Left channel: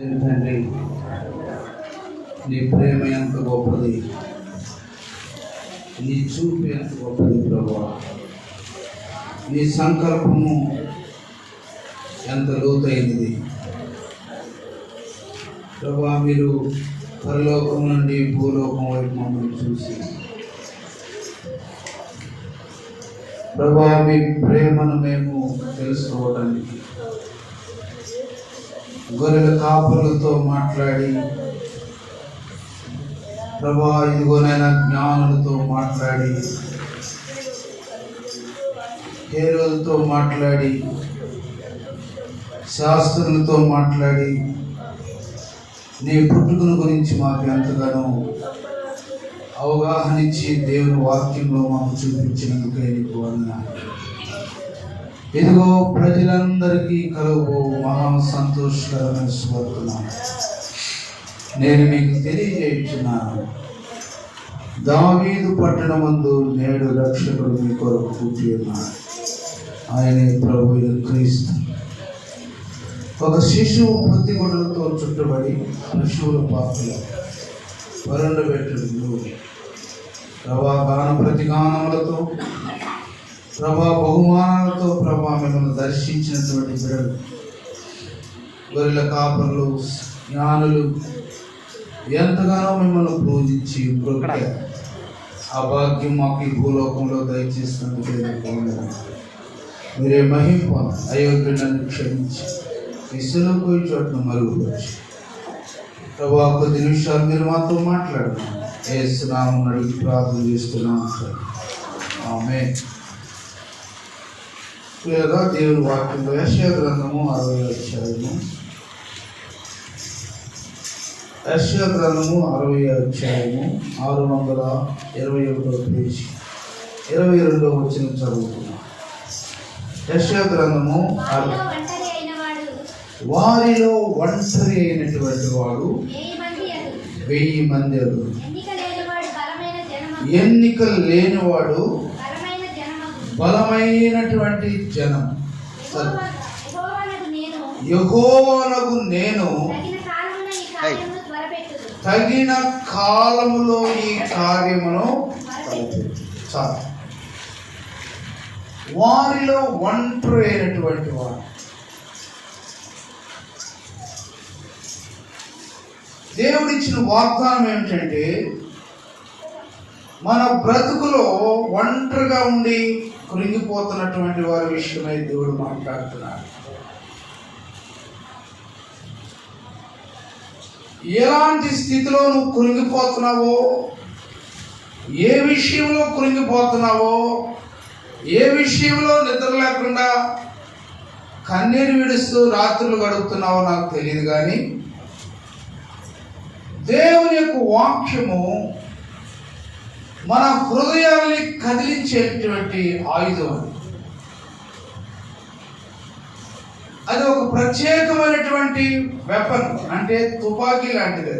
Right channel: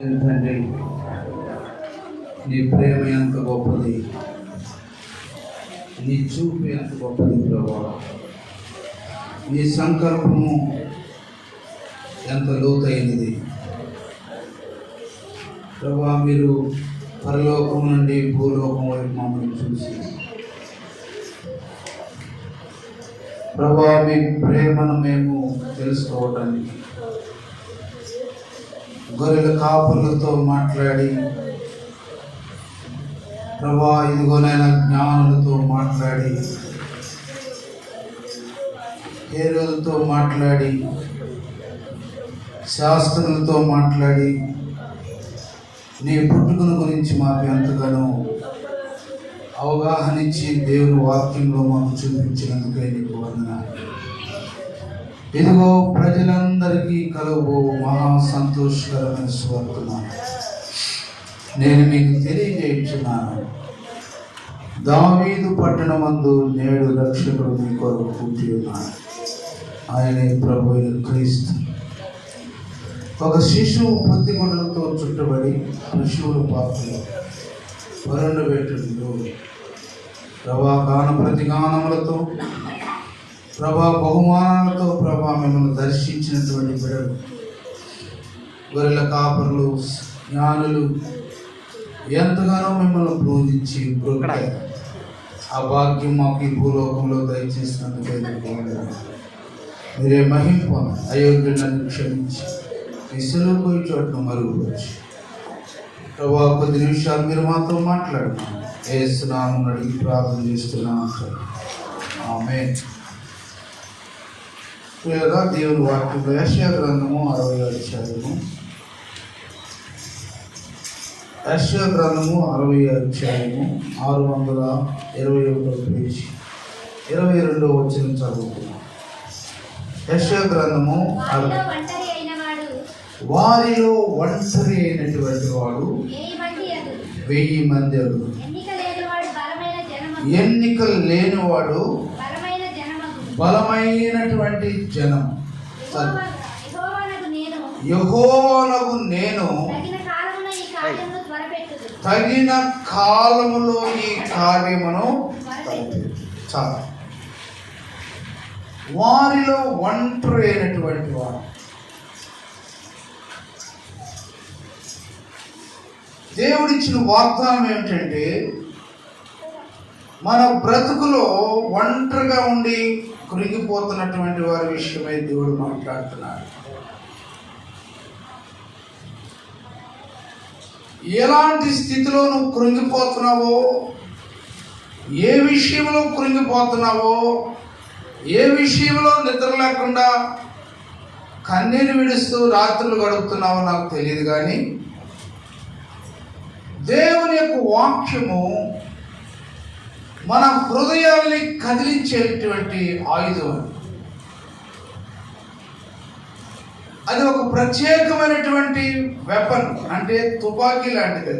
తండ్రి, నీ ప్రేమ ఎంత గొప్పది, నీ చూపు ఎంత గొప్పది ప్రభా. నీ సంకల్పము ఎంత లోతైనది ప్రభా. మీరు పరలోకం నుండి భూలోకం వైపు మమ్మల్ని చూసి ప్రభా, మీ ప్రేమను మేము తెలుసుకోవడానికి గొర్రెల కాపులతో మాట్లాడి ప్రభా, ఇదిగోనైనా జ్ఞానులతో మాట్లాడి, హేరోలతో మాట్లాడి, శాస్త్రులతో మాట్లాడి నీ పుట్టుకను గురించి మాకు ఎంతగానో అవగాహన ఇచ్చి దేవుని వాక్యంలో మాకు చూపించినందుకే నీకు వందనాలు. ఇదిగో ప్రజలందరికీ కలుగు మహా సంతోషకరమైన స్వార్థనాలు నేను మీకు తెలియజేయుచున్నాను. దావీదు పట్టణమందు నేడు రక్షకుడు మీ కొరకు పుట్టి ఉన్నాడు. ఆయనే ప్రభువైన క్రీస్తు. ఒక శిశువు ప్రతిగుడులతో చుట్టబడి పశువుల పాపలో వరండబెట్టుడు ప్రభా, గాన ప్రతిగానములతో ప్రభా, బహుమానాలతో ప్రభా మిమ్మల్ని దర్శించినటువంటి బిడ్డలు, గొర్రెల కాపరులు, జ్ఞానులు ఎంతగానో మిమ్మల్ని పూజించి ఆ భాగ్యం మాకు ఈ భూలోకంలో దయచేసినందుకు మీరే మహిమ అయోగ్యులను క్షమించి ఈ సులువు చోట్ల మరుగుపరిచి ప్రభా, కొద్ది నిమిషాలు మీరు మాతో మాట్లాడుతున్నాం. యేసు నామమున అడిగి ప్రార్థన చేస్తున్నాం. ఆమేన్. లేదా దేవుని వాక్యంలో యెషయా గ్రంథము 60వ అధ్యాయము, యెషయా గ్రంథము 60వ అధ్యాయము 621వ పేజీ 22వ వచనం చదువుతున్నాం. యెషయా గ్రంథము వారిలో ఒంటరి అయినటువంటి వాడు 1000 మంది, ఎన్నికలు లేనివాడు బలమైనటువంటి జనం. యెహోవానగు నేను తగిన కాలములో ఈ కార్యమును చాలు. వారిలో ఒంటరి అయినటువంటి వాడు. దేవుడిచ్చిన వాగ్దానం ఏమిటంటే, మన బ్రతుకులో ఒంటరిగా ఉండి కృంగిపోతున్నటువంటి వారి విషయమై దేవుడు మాట్లాడుతున్నాడు. ఎలాంటి స్థితిలో నువ్వు కృంగిపోతున్నావో, ఏ విషయంలో కృంగిపోతున్నావో, ఏ విషయంలో నిద్ర లేకుండా కన్నీరు విడుస్తూ రాత్రులు గడుపుతున్నావో నాకు తెలియదు, కానీ దేవుని యొక్క వాక్యము మన హృదయాన్ని కదిలించేటువంటి ఆయుధం. అది ఒక ప్రత్యేకమైనటువంటి వెపన్, అంటే తుపాకీ లాంటిది.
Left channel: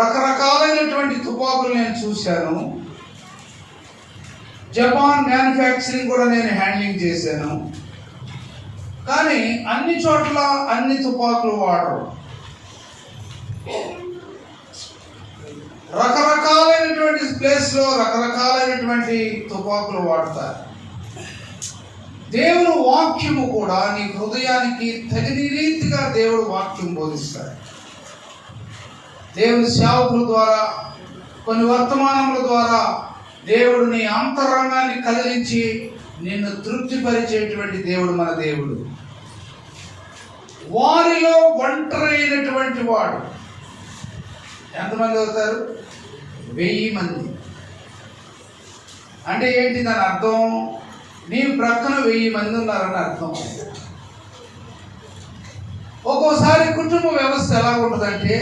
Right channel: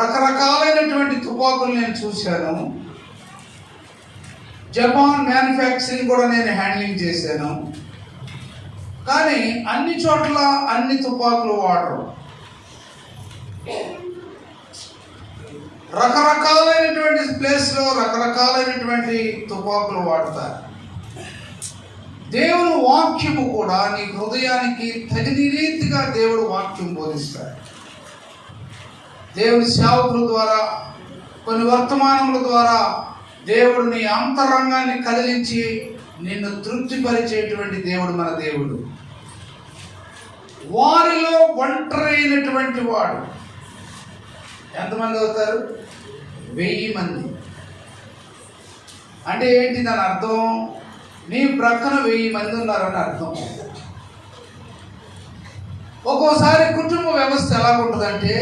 రకరకాలైనటువంటి తుపాకులు నేను చూశాను. జపాన్ మ్యానుఫ్యాక్చరింగ్ కూడా నేను హ్యాండ్లింగ్ చేశాను. కానీ అన్ని చోట్ల అన్ని తుపాకులు వాడరు. రకరకాలైనటువంటి ప్లేస్లో రకరకాలైనటువంటి తుపాకులు వాడతారు. దేవుని వాక్యము కూడా నీ హృదయానికి తగిన రీతిగా దేవుడు వాక్యం బోధిస్తాడు. దేవుని సేవకుల ద్వారా, కొన్ని వర్తమానముల ద్వారా దేవుడు నీ అంతరంగాన్ని కదిలించి నిన్ను తృప్తిపరిచేటువంటి దేవుడు మన దేవుడు. వారిలో ఒంటరి అయినటువంటి వాడు ఎంతమంది అవుతారు? 1000 మంది. అంటే ఏంటి దాని అర్థం? నీ ప్రక్కన 1000 మంది ఉన్నారని అర్థం. ఒక్కోసారి కుటుంబ వ్యవస్థ ఎలా ఉంటుందంటే,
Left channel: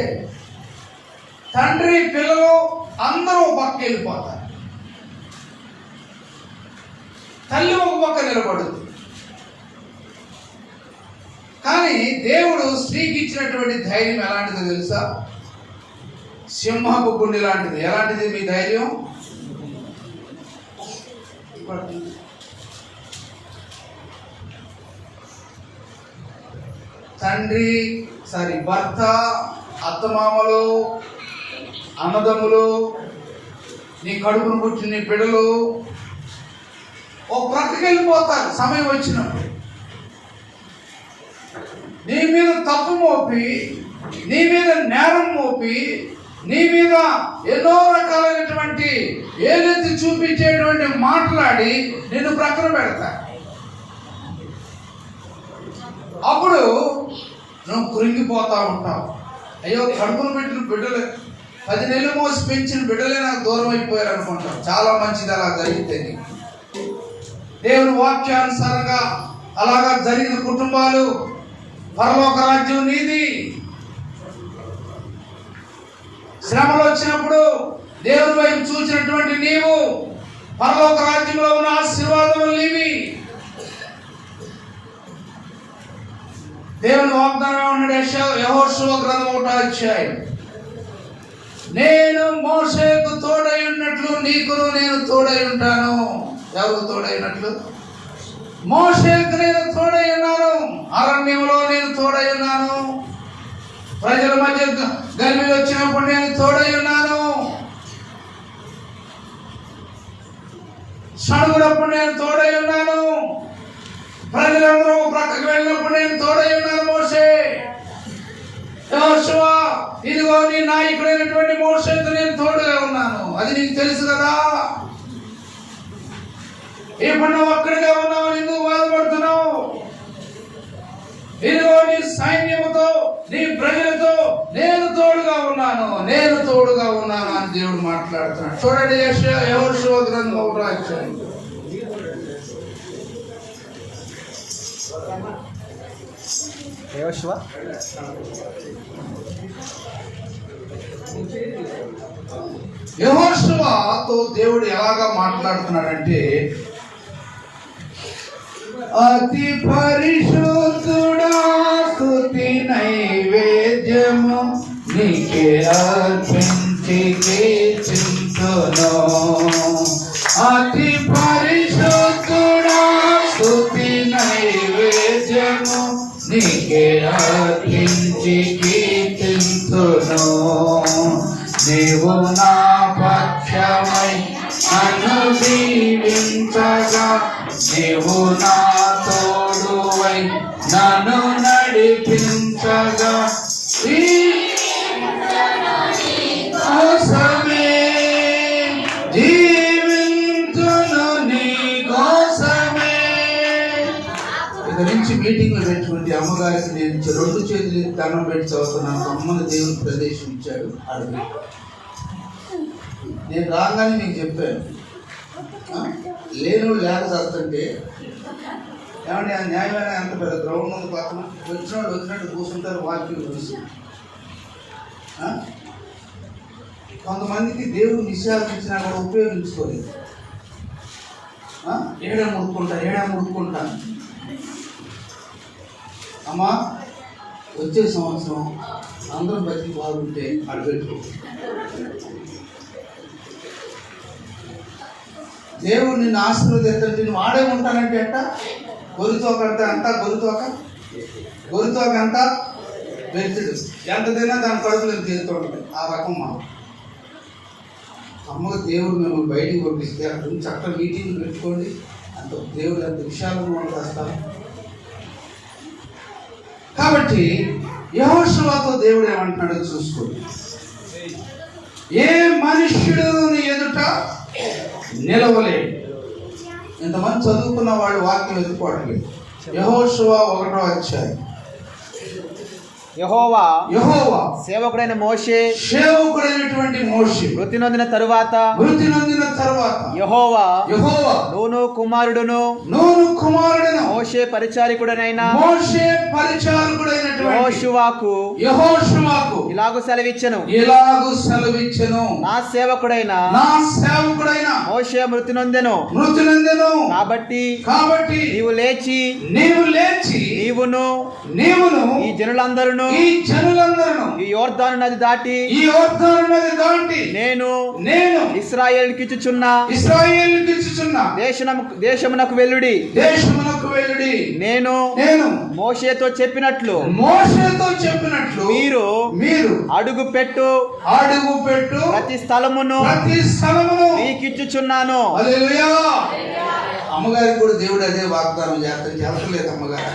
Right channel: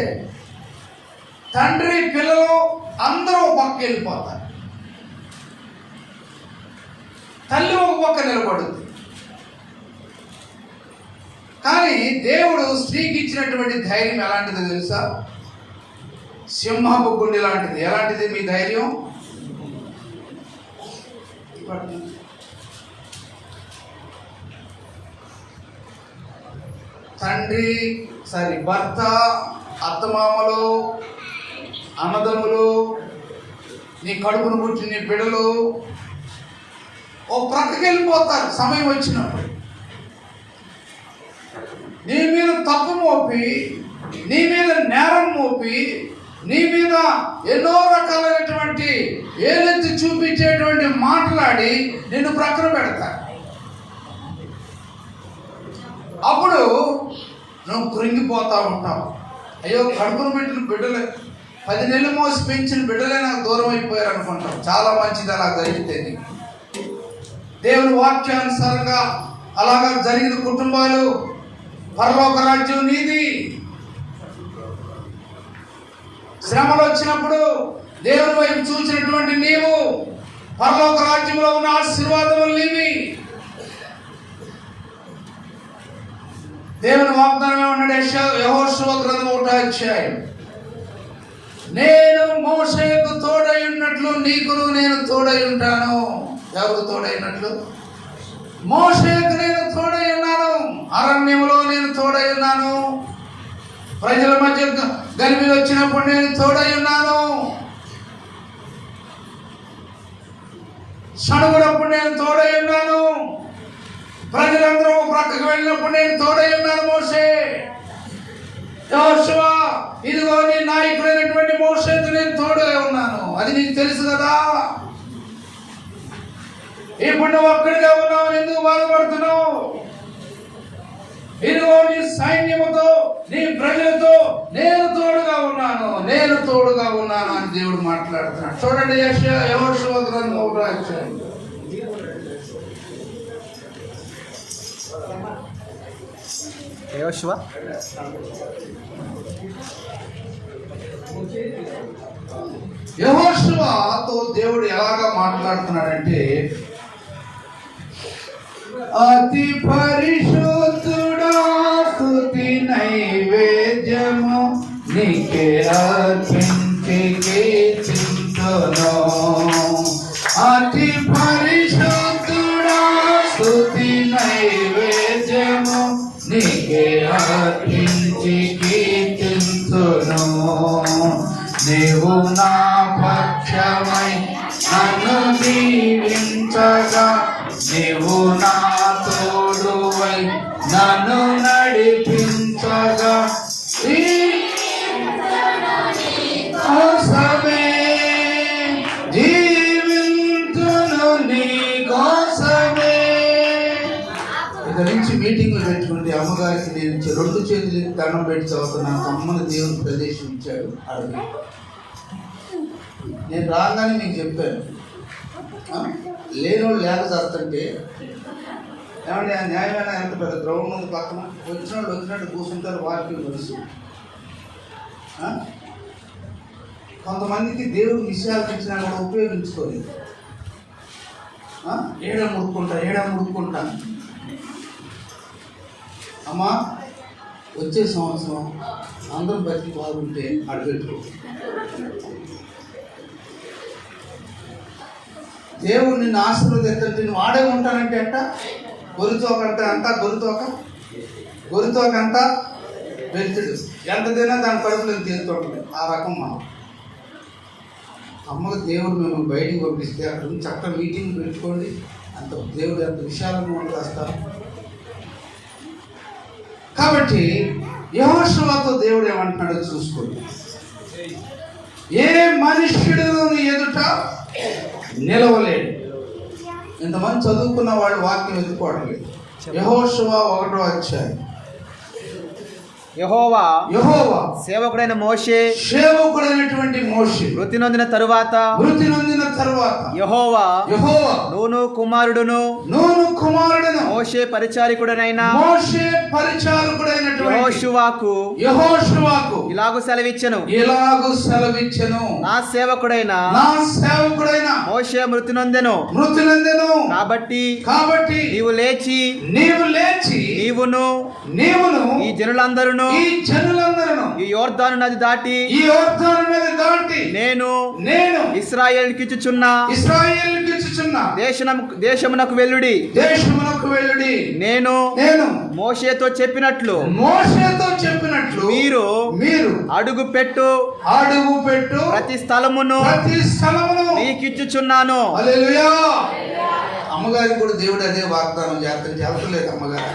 తండ్రి పిల్లలు అందరూ పక్క వెళ్ళిపోతారు, తల్లి ఒక పక్క నిలబడుతుంది. కానీ దేవుడు స్త్రీకి ఇచ్చినటువంటి ధైర్యం ఎలాంటిదో తెలుసా? సింహపు గుండె లాంటిది. ఎలాంటిది మీ ధైర్యం? భర్త, అత్తమామలు, అన్నదమ్ములు, నీ కడుపును పుట్టిన నీ బిడ్డలు ఓ ప్రక్కకి వెళ్ళిపోతారు. సమయం వచ్చినప్పుడు నీ మీద తప్పు మోపి, నీ మీద నేరం మోపి, నీ మీద ఎన్నో రకాలైనటువంటి ఏలెత్తి చూపించేటువంటి మాట్లాడి నిన్ను ప్రక్కన పెడతారు. అప్పుడు నువ్వు కృంగిపోతా ఉంటావు. అయ్యో, కడుపును పెట్టిన బిడ్డలే, 10 నెలలు మోసి పెంచిన బిడ్డలే నాకు దూరం అయిపోయారు అనుకుంటావు. చాలా మంచిది అలా జరిగితే. దేవుని వాక్యానుసారంగా అలాగా జరిగిన కుటుంబాలు, పరలోక రాజ్యం నీది. శ్రమలు వచ్చినప్పుడు దేవుని వైపు చూసినటువంటి నీవు, పరలోక రాజ్యంలో ఉన్న ఆశీర్వాదములు నీవి. దేవుని వాగ్దానం ఏమన్నాడు? యెహోషువ గ్రంథం 1వ అధ్యాయం, నేను మోషేకు తోడై ఉన్నట్లు నీకును నేను తోడై ఉంటాను. ఎవరు తోడైనట్లు? మోషేకు నేను తోడై ఉన్నాను. అరణ్యంలో నేను తోడై ఉన్నాను. ప్రజల మధ్య గర్భిలు వచ్చినప్పుడు నేను తోడై ఉన్నాను. సణుగుడప్పుడు నేను తోడై ఉన్నాను. ప్రజలందరూ ప్రక్కకు వెళ్ళినప్పుడు నేను తోడై ఉన్నాను. మోషే, యెహోషువ, ఇదిగో నీ నాయకుడైనటువంటి మోషేకు నేను తోడుగా ఉన్నాను. అది నీకు తెలుసు కదా. ఇప్పుడు నువ్వు ఒక్కడిగా ఉన్నావు, ఎందుకు బాధపడుతున్నావు? ఇదిగో నీ సైన్యముతో, నీ ప్రజలతో నేను తోడుగా ఉన్నాను, నేను తోడుగా ఉన్నాను అని దేవుడు మాట్లాడుతున్నాడు. చూడండి, యెహోషువ గ్రంథం 1వ అధ్యాయం. యెహోషువతో దేవుడు ఎలాగా మాట్లాడుతున్నాడంటే, అతి పరిశుద్ధుడా స్తుతి నైవేద్యము నీకే అర్పించి కీర్తింతును. అతి పరిశుద్ధుడా స్తుతి నైవేద్యము నీకే అర్పించి కీర్తింతును. నీవు నా పక్షమై నన్ను దీవించగా, నీవు నా తోడువై నన్ను నడిపించగా, ఈ కోసమే జీవించును, నీ కోసమే. ఇక నుంచి మీటింగ్లు పెట్టుకుంటే అమ్మగారికి నేను 2 చేతులు దండం పెట్టి చదువుతున్నాను. అమ్మని దేవుని ప్రదేశం ఇచ్చాడు. అడిగి నేను రాగానే నీకు చెప్పాను, లేనోళ్ళు లేక చేస్తుంటే ఏమంటే ఆ న్యాయమైన ఎంత పెద్ద గ్రౌండ్ ఉంది పక్కన, వచ్చినట్టు కూర్చుంటారు. వాక్యం తెలుసు. కొంతమందికి దేవుడు విషయాలు ఇచ్చినా కూడా ఉపయోగించుకోలేదు. ఏడా ముడుకుంటా. అమ్మా, వచ్చే సంవత్సరం అందరం బతికి బాగుంటే అడగట్టు. దేవుడు నిన్ను ఆశీర్వదించంటే నువ్వు ఆడే ఉంటానంటే అంట. గొరితోకంటే అంట, గొరితోకంట వెళ్తుడు ఎంత తిన్నా దాని కడుపులో తేలుతూ ఉంటుంది. ఆ రకం మనం. అమ్మకు దేవుడు మిమ్మల్ని బయటికి పంపిస్తే అక్కడ నుంచి అక్కడ మీటింగ్ పెట్టుకోండి. అంత దేవుడు ఎంత విశాలంగా ఉంటారు. కాబట్టి యెహోషువతో దేవుడు ఏమంటున్నాడో చూసుకోండి. ఏ మనుష్యుడు ఎదుట నిలవలేడు. ఇంతమంది చదువుకున్న వాళ్ళు వాక్యం ఎదుర్కోవట్లేదు. యెహోషువ 1వ అధ్యాయం. యెహోవా సేవకుడైన మోషే, సేవకుడైనటువంటి మోషే మృతి నొందిన తరువాత యెహోవా నూను కుమారుడును మోషే పరిచారకుడైన యెహోషువకు ఇలాగు సెలవిచ్చెను, నా సేవకుడైన మోషే మృతి నొందెను. కాబట్టి నీవు లేచి నీవును ఈ జనులందరూ ఈ యోర్దాను నది దాటి నేను ఇశ్రాయేలుకిచ్చుచున్న దేశమునకు వెళ్ళుడి. వెనుకకు వెళ్ళుడి. నేను మోషేతో చెప్పినట్లు మీరు అడుగు పెట్టు ప్రతి స్థలమును మీకిచ్చుచున్నాను. హల్లెలూయా. అమ్మగారికి కూడా దేవుడు అదే వాగ్దానం చేస్తాను. చేస్తలేదు అమ్మగారు.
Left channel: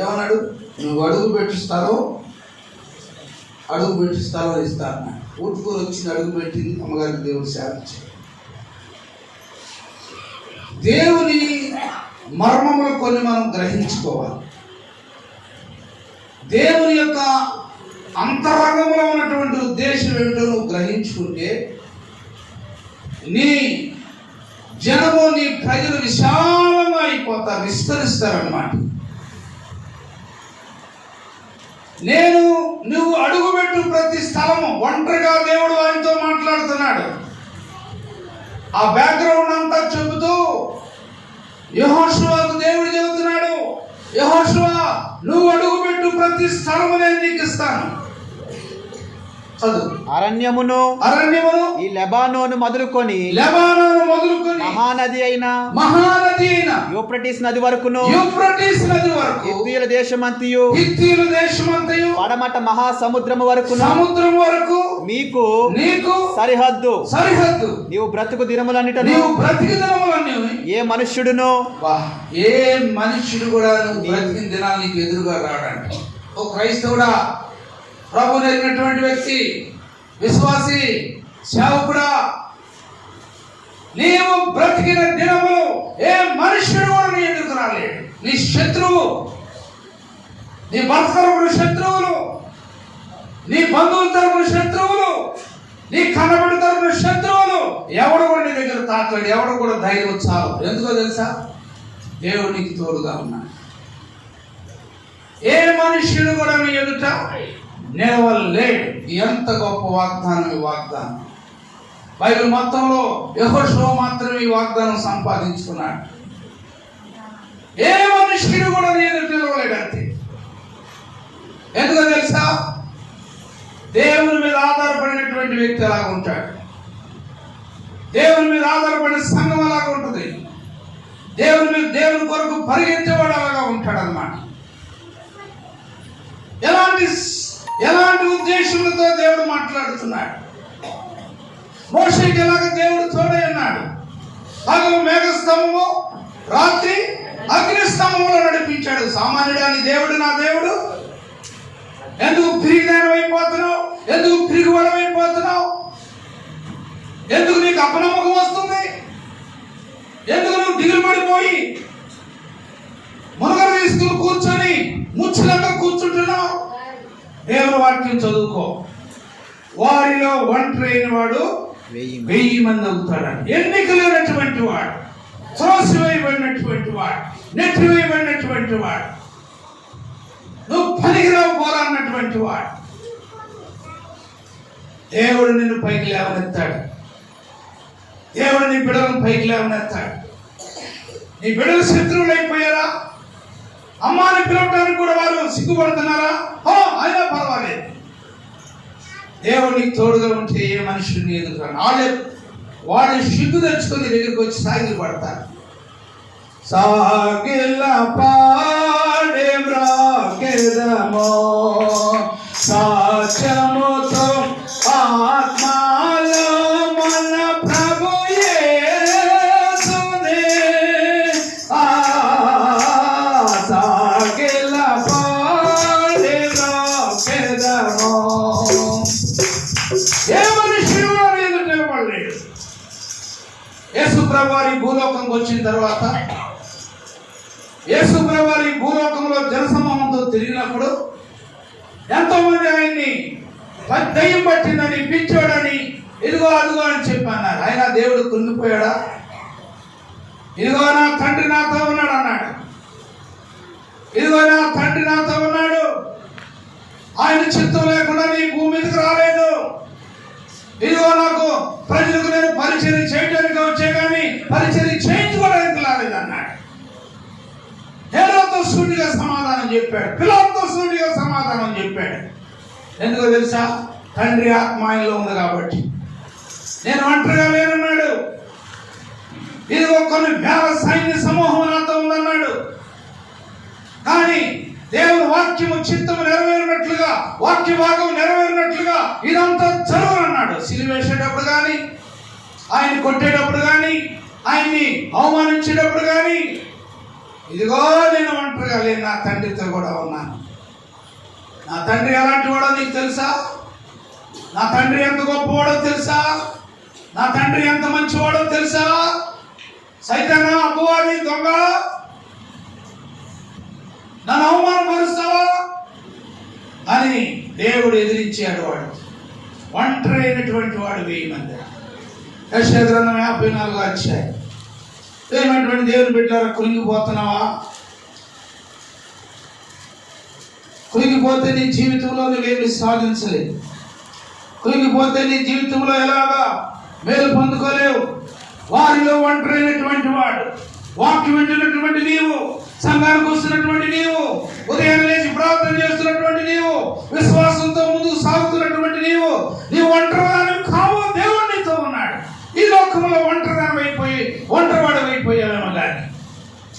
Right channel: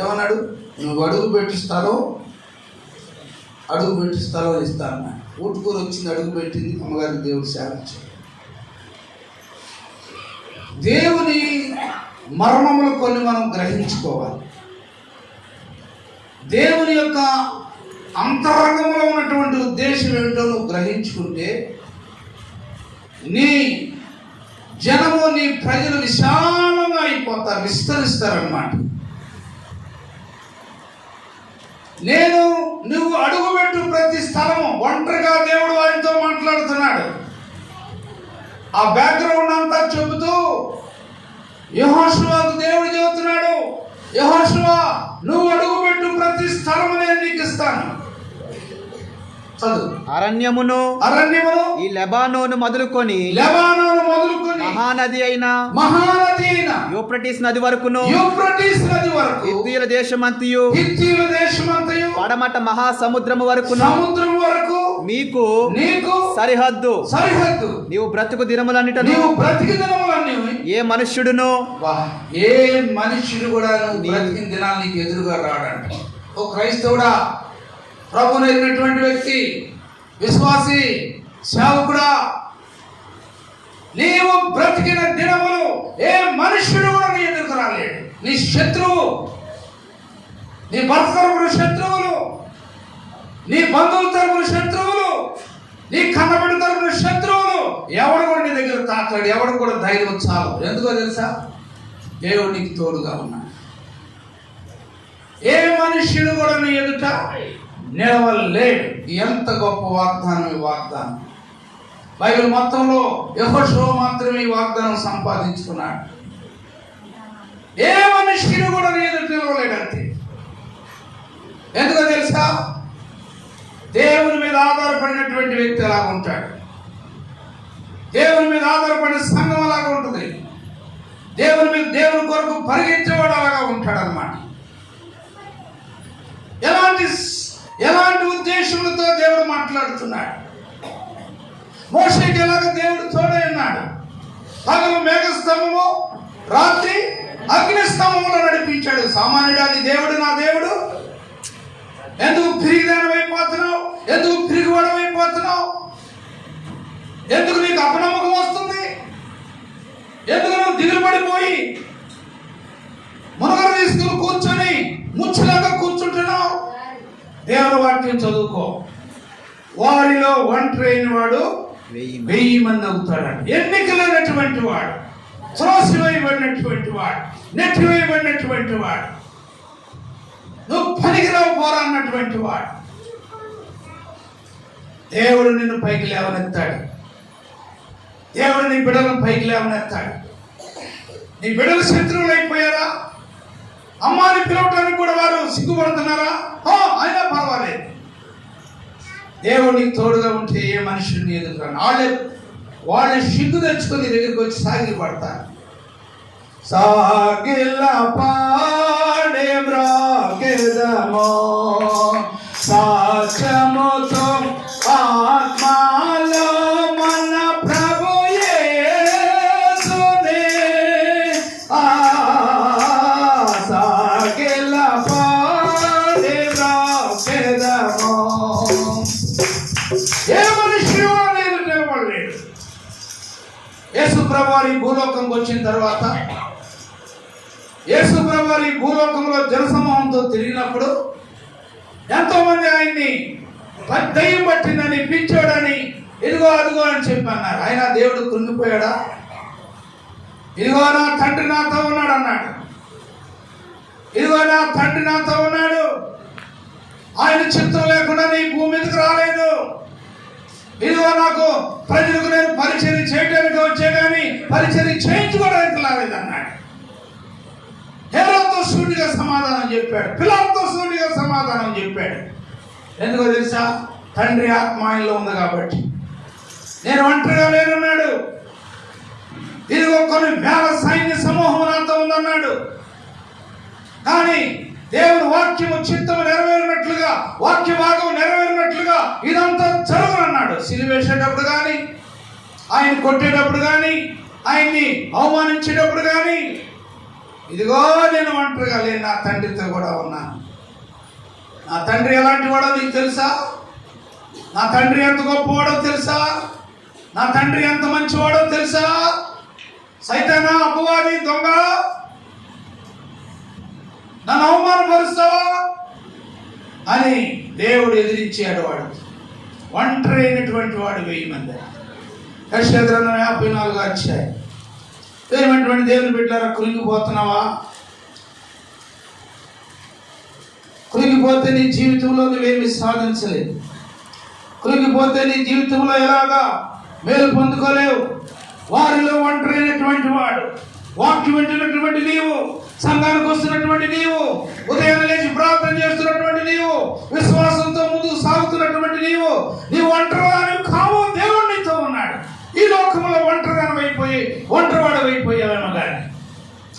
ఏమన్నాడు? నువ్వు అడుగు పెట్టిస్తారో ఇస్తాను. ఊటుకూరు వచ్చింది, అడుగు పెట్టింది. అమ్మగారికి దేవుడు సేవించాడు. దేవుని మర్మములు కొన్ని మనం గ్రహించుకోవాలి. దేవుని యొక్క అంతరంగంలో ఉన్నటువంటి ఉద్దేశం ఏమిటో నువ్వు గ్రహించుకుంటే నీ జనము, నీ ప్రజలు విశాలంగా అయిపోతారు, విస్తరిస్తారన్నమాట. నువ్వు అడుగుపెట్టు ప్రతి స్థలము. ఒంటరిగా దేవుడు వారితో మాట్లాడుతున్నాడు. ఆ బ్యాక్గ్రౌండ్ అంతా చెబుతూ యెహోషువకు దేవుడు చెబుతున్నాడు, యెహోషువ నువ్వు అడుగుపెట్టు ప్రతి స్థలము నేను నీకు ఇస్తాను. అరణ్యమును ఈ లెబానోను మొదలుకొని మహానది అయిన యూఫ్రటీస్ నది వరకును హిత్తీయుల దేశమంతయు పడమట మహాసముద్రము వరకును మీకు సరిహద్దు. నీవు బ్రతుకు దినములన్నిటను ఏ మనుష్యుడు కూడా బ్రతికిన దినాలు నీకు ఎదురుగా రాడంట. ఓ క్రైస్తవుడా, ప్రభు ఎరిగినటువంటి వ్యక్తి, విశ్వాసి, సేవకుడా, నీవు బ్రతికిన దినములు ఏ మనుష్యుడు కూడా నీ ఎదురుకు రాలేడు. నీ శత్రువు, నీ భర్త తరపున శత్రువులు, నీ బంధువుల తరపున శత్రువులు, నీ కన్నబిడ్డ తరపున శత్రువులు, ఎవడు కూడా నీ దగ్గర తాకాడు. ఎవడు కూడా ధైర్యం చాలు. ఎందుకో తెలుసా? దేవుడు నీకు తోడుగా ఉన్నాడు. ఏ మనుష్యుడు కూడా నీ ఎదుట నిలవలేడు. ఎంత గొప్ప వాగ్దానం ఈ వాగ్దానం! బైబిల్ మొత్తంలో యెహోషువ మాత్రమే ఈ వాగ్దానం సంపాదించుకున్నాడు. ఏ మనుష్యుడు కూడా నీ ఎదుట నిలవలేడంతే. ఎందుకో తెలుసా? దేవుని మీద ఆధారపడినటువంటి వ్యక్తి ఎలాగ ఉంటాడు, దేవుని మీద ఆధారపడిన సంఘం అలాగ ఉంటుంది, దేవుని కొరకు పరిగెత్తేవాడు అలాగా ఉంటాడు అన్నమాట. ఎలాంటి ఉద్దేశంతో దేవుడు మాట్లాడుతున్నాడు? మోషేకి ఎలాగ దేవుడు తోడై ఉన్నాడు. పగలు మేఘస్తంభము, రాత్రి అగ్నిస్తంభములో నడిపించాడు. సామాన్యుడాని దేవుడు నా దేవుడు. ఎందుకు పిరిగిదానం అయిపోతున్నావు? ఎందుకు పిరిగివాడం అయిపోతున్నావు? ఎందుకు నీకు అపనమ్మకం వస్తుంది? ఎందుకు నువ్వు దిగులు పడిపోయి మునగలు తీసుకుని కూర్చొని ముచ్చలంగా కూర్చుంటున్నావు? దేవుని వాక్యం చదువుకో. వారిలో ఒంటరి అయిన వాడు 1000 మంది అవుతాడు. ఎన్నికలైనటువంటి వాడు, త్రోసివేయబడినటువంటి వాడు, నెట్టివేయబడినటువంటి వాడు, నువ్వు పనికిరావు పోరాడినటువంటి వాడు, దేవుడు నిన్ను పైకి లేవనెత్తాడు. దేవుడు నీ బిడ్డలను పైకి లేవనెత్తాడు. నీ బిడ్డలు శత్రువులు అయిపోయారా? అమ్మాని పిలవటానికి కూడా వారు సిగ్గుపడుతున్నారా? అయినా పర్వాలేదు. దేవుడికి తోడుగా ఉంటే ఏ మనుషుని ఎదుర్కొన్నా వాళ్ళే సిగ్గు తెచ్చుకొని దగ్గరికి వచ్చి సాగిలు పడతారు. సాగిల పాడే బ్రాకెదమో సాచముతో ఆత్మలో మన ప్రభు యేసునే సాగిల పాడే బ్రాకెదమో. ఏ మనుషుడు నేను నిలబడలేడు. యేసు ప్రభువారి భూలోకంకి వచ్చిన తర్వాత, యేసు ప్రభువారి భూలోకంలో జనసమూహంతో తిరిగినప్పుడు ఎంతో మంది ఆయన్ని దయ్యం పట్టిందని, పిచ్చోడని, ఇదిగో అదిగో అని చెప్పి అన్నారు. ఆయన దేవుడు కృంగిపోయాడా? ఇదిగో నా తండ్రి నాతో ఉన్నాడు అన్నాడు. ఇదిగో నా తండ్రి నాతో ఉన్నాడు, ఆయన చిత్తం లేకుండా నీ భూమి మీదకి రాలేదు. ఇదిగో నాకు ప్రజలకు నేను పరిచయం చేయడానికి వచ్చే కానీ పరిచయం చేయించుకోవడానికి రాలేదు అన్నాడు. హేరోతో సూటిగా సమాధానం చెప్పాడు, పిలాతుతో సూటిగా సమాధానం చెప్పాడు. ఎందుకో తెలుసా? తండ్రి ఆత్మ ఆయనలో ఉంది కాబట్టి. నేను ఒంటరిగా లేనన్నాడు. ఇదిగో కొన్ని వేల సైన్య సమూహం నాతో ఉందన్నాడు. కానీ దేవుని వాక్యము చిత్తము నెరవేరినట్లుగా, వాక్య భాగం నెరవేరినట్లుగా ఇదంతా జరుగునన్నాడు. సిలువేసేటప్పుడు కానీ, ఆయన కొట్టేటప్పుడు కానీ, ఆయన్ని అవమానించేటప్పుడు కానీ, ఇదిగో నేను ఒంటరిగా లేను, నా తండ్రితో కూడా ఉన్నాను. నా తండ్రి ఎలాంటి వాడో నీకు తెలుసా? నా తండ్రి ఎంత గొప్పవాడో తెలుసా? నా తండ్రి ఎంత మంచివాడో తెలుసా? సైతానా, అపవాది, దొంగ, నన్ను అవమానపరుస్తావా అని దేవుడు ఎదిరించాడు. వాడు ఒంటరి అయినటువంటి వాడు 1000 మంది. యెషయా గ్రంథం 54 అధ్యాయం. ఏమంటే దేవుని బిడ్డలారా, కృంగిపోతున్నావా? కృంగిపోతే నీ జీవితంలో నువ్వేమి సాధించలేవు. కృంగిపోతే నీ జీవితంలో ఎలాగా మేలు పొందుకోలేవు. వారిలో ఒంటరైనటువంటి వాడు, వాక్యం వింటున్నటువంటి నీవు, సంఘానికి వస్తున్నటువంటి నీవు, ఉదయం లేచి ప్రార్థన చేస్తున్నటువంటి నీవు, విశ్వాసంతో ముందుకు సాగుతున్నటువంటి నీవు ఒంటరిదానివి కావు. దేవుడు నీతో ఉన్నాడు. ఈ లోకంలో ఒంటరిదానం అయిపోయి ఒంటరివాడు అయిపోయావేమో కానీ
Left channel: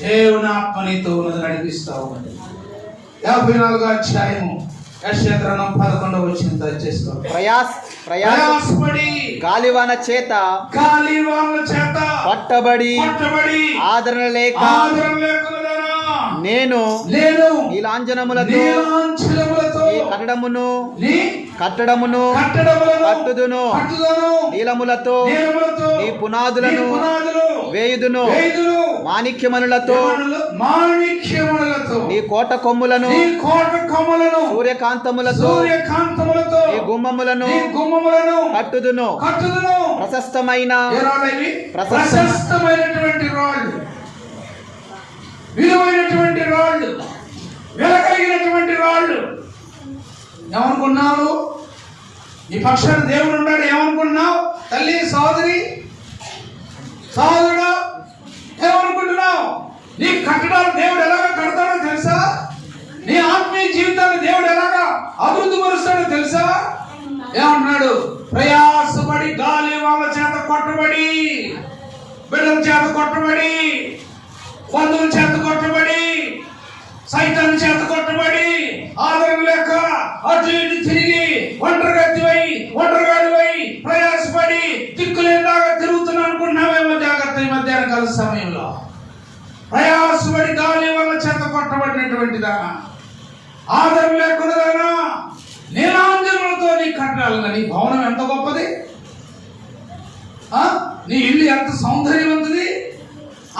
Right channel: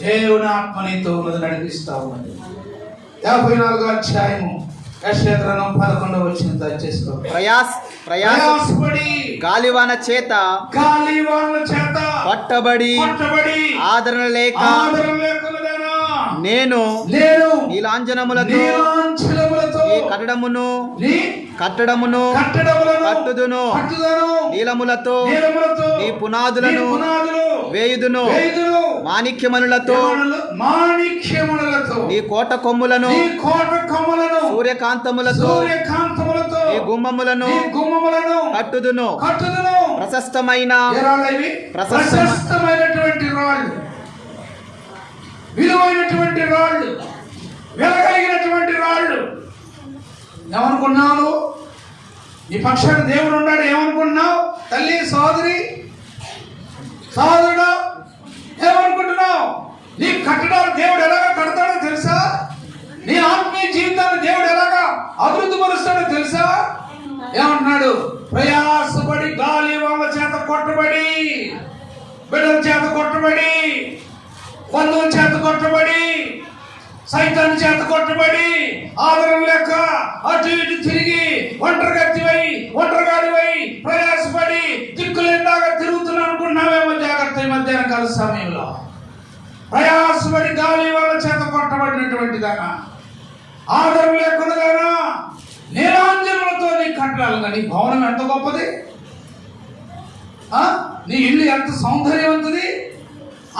దేవుని ఆత్మ నీతో ఉన్నది, నడిపిస్తా ఉన్నది. 54 అధ్యాయము యెషయా గ్రంథం 11వ వచనం దయచేసుకో. ప్రయాసపడి గాలివాన చేత పట్టబడి ఆదరణ లేక నేను నీలాంజనములతో నీ కట్టడమును కట్టుదును, నీలములతో నీ పునాదులను వేయుదును, మాణిక్యమణులతో నీ కోట కొమ్ములను సూర్యకాంతములతో నీ గుమ్మములను కట్టుదును. ప్రశస్తమైనటువంటి రాళ్ళు, విలువైనటువంటి రాళ్ళు, వెలగలిగినటువంటి రాళ్ళు. ఏమనుకున్నావు? నీ పక్షాన దేవుడు ఉన్నాడు ఏమనుకున్నావు? తల్లి, సోదరి, సోదరుడు, ఏమనుకుంటున్నావు? నీ కట్టడాలు దేవుడు ఎలాగా కడతాడో తెలుసా? నీ ఆత్మీయ జీవితాన్ని దేవుడు ఎలాగా అభివృద్ధి పరుస్తాడో తెలుసా? ఏమంటున్నాడు? ప్రయాసపడి గాలి వాళ్ళ చేత కొట్టబడి, బిడ్డల చేత కొట్టబడి, బంధువుల చేత కొట్టబడి, సైతాన్ని చేత కొట్టబడి, ఆదరణ లేక అటు ఇటు తిరిగి ఒంటరిగాడివై ప్రయాసపడి దిక్కులేదాగా తిరుగుతున్నావు అనుకున్నావేమో. జాగ్రత్త, ఈ మధ్యాహ్న కాల సమయంలో ప్రయాసపడి గాలి వాళ్ళ చేత కొట్టబడినటువంటిదానా, ఆదరణ లేకుండానా, నీలాంజనములతో నీ కట్టడాలుగా. నీ భవనం ఎంత గొప్పది, నీ ఇల్లు ఎంత సౌందర్యవంతుది.